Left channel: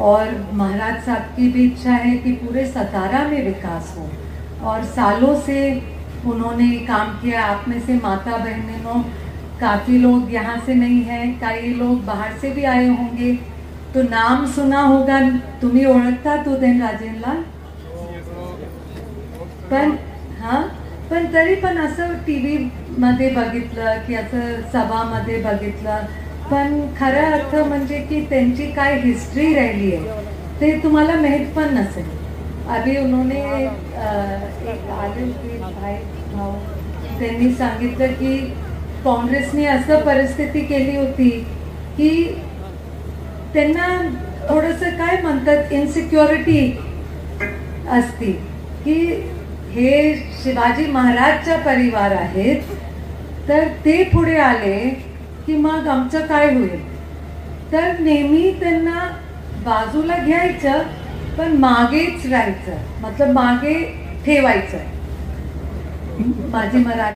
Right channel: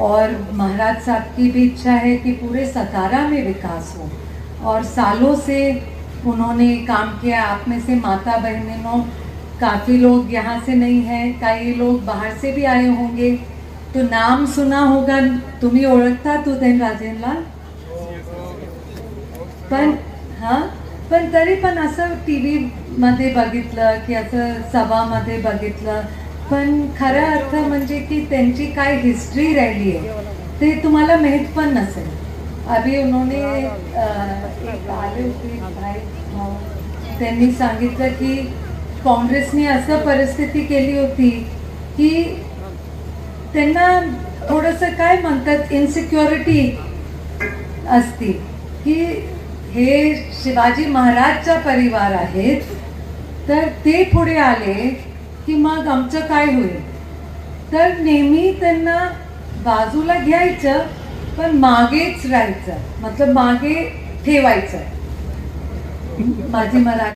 और महाराज साहब की भी इच्छा है कि पूरे सतारा में विकास हो, और सालों से उन्होंने काम किया। आप में से माता बहनों काफी लोग यहाँ से नहीं हैं, कई लोग बाहर से भी आए होंगे, तो नाम सुना होगा, तुम्ही ओळखता तो देन राजेंद्रला, पण हा पण तरी पण असं टीव्ही मध्ये बघितलं की असं सभामध्ये बघितलं, पण खरा अर्थ म्हणजे की त्यांची काय हिस्ट्री राहिली आहे ते तुम्हाला माहित पण नसेल। अभी उन्होंने एक आदिल भाई त्यांनी सांगितलं की काँग्रेसने असं परिस्थिती केली होती की त्यांना थोडंसं काय म्हणतात इनसिक्युरिटी असती की हे शिवाजी महाराजचा परिवार आहेत, तर ते पुढे आले की मग आमचं काय होईल। तर नेहमी त्यांना बाजूला घ्यायचं पण मागेच राहायचं, मतलब मागे ठेवायचं। माझी मराठी